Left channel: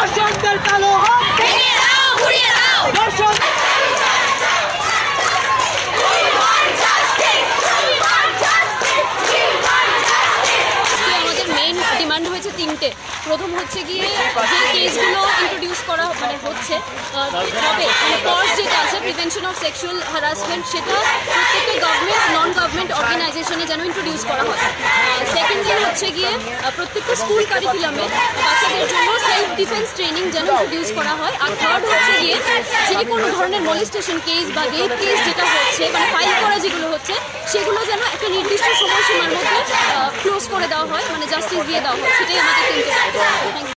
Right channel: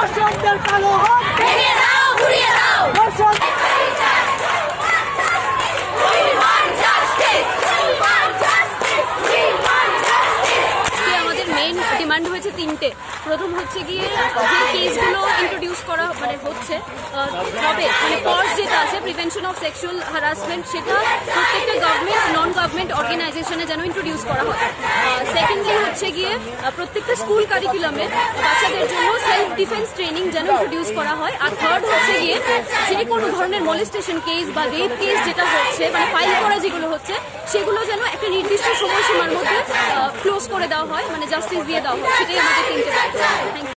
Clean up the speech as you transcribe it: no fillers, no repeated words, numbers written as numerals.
ধর্ষকদের কালো হাত ভেঙে দাও, গুড়িয়ে দাও। ধর্ষক আমাদের মেইন ডিমান্ড হয়েছে তিনটে। প্রথম হচ্ছে গিয়ে যে কেসগুলো ইন্ট্রোডিউস করা হচ্ছে হবে, মানে কজ যেটা আছে প্রিভেনশন অফ সেক্সুয়াল হ্যারাসমেন্ট, সেটা প্রত্যেকটা গভর্নমেন্ট নন গভর্নমেন্ট অর্গানাইজেশনে যেন ইন্ট্রোডিউস করা হয়। সেকেন্ডলি হচ্ছে গিয়ে প্রত্যেকটা স্কুল কারিকুলামে বাচ্চাদের জন্য সেলফ ডিফেন্স ট্রেনিং যেন ইন্ট্রোডিউস করা হয়। আর থার্ড হচ্ছে গিয়ে যে কোনো ধরনের মলেস্টেশন কেস বা রেপ কেস যেটা হচ্ছে, মানে ফাইল করা যেগুলো হচ্ছে, সেগুলো যেন একটা নির্দিষ্ট সময়সীমার মধ্যে ক্লোজ করে দেওয়া হয়, মানে জাস্টিস দিয়ে দেওয়া হয়। সেটাই আমাদের তিনটে দাবি। Thank you.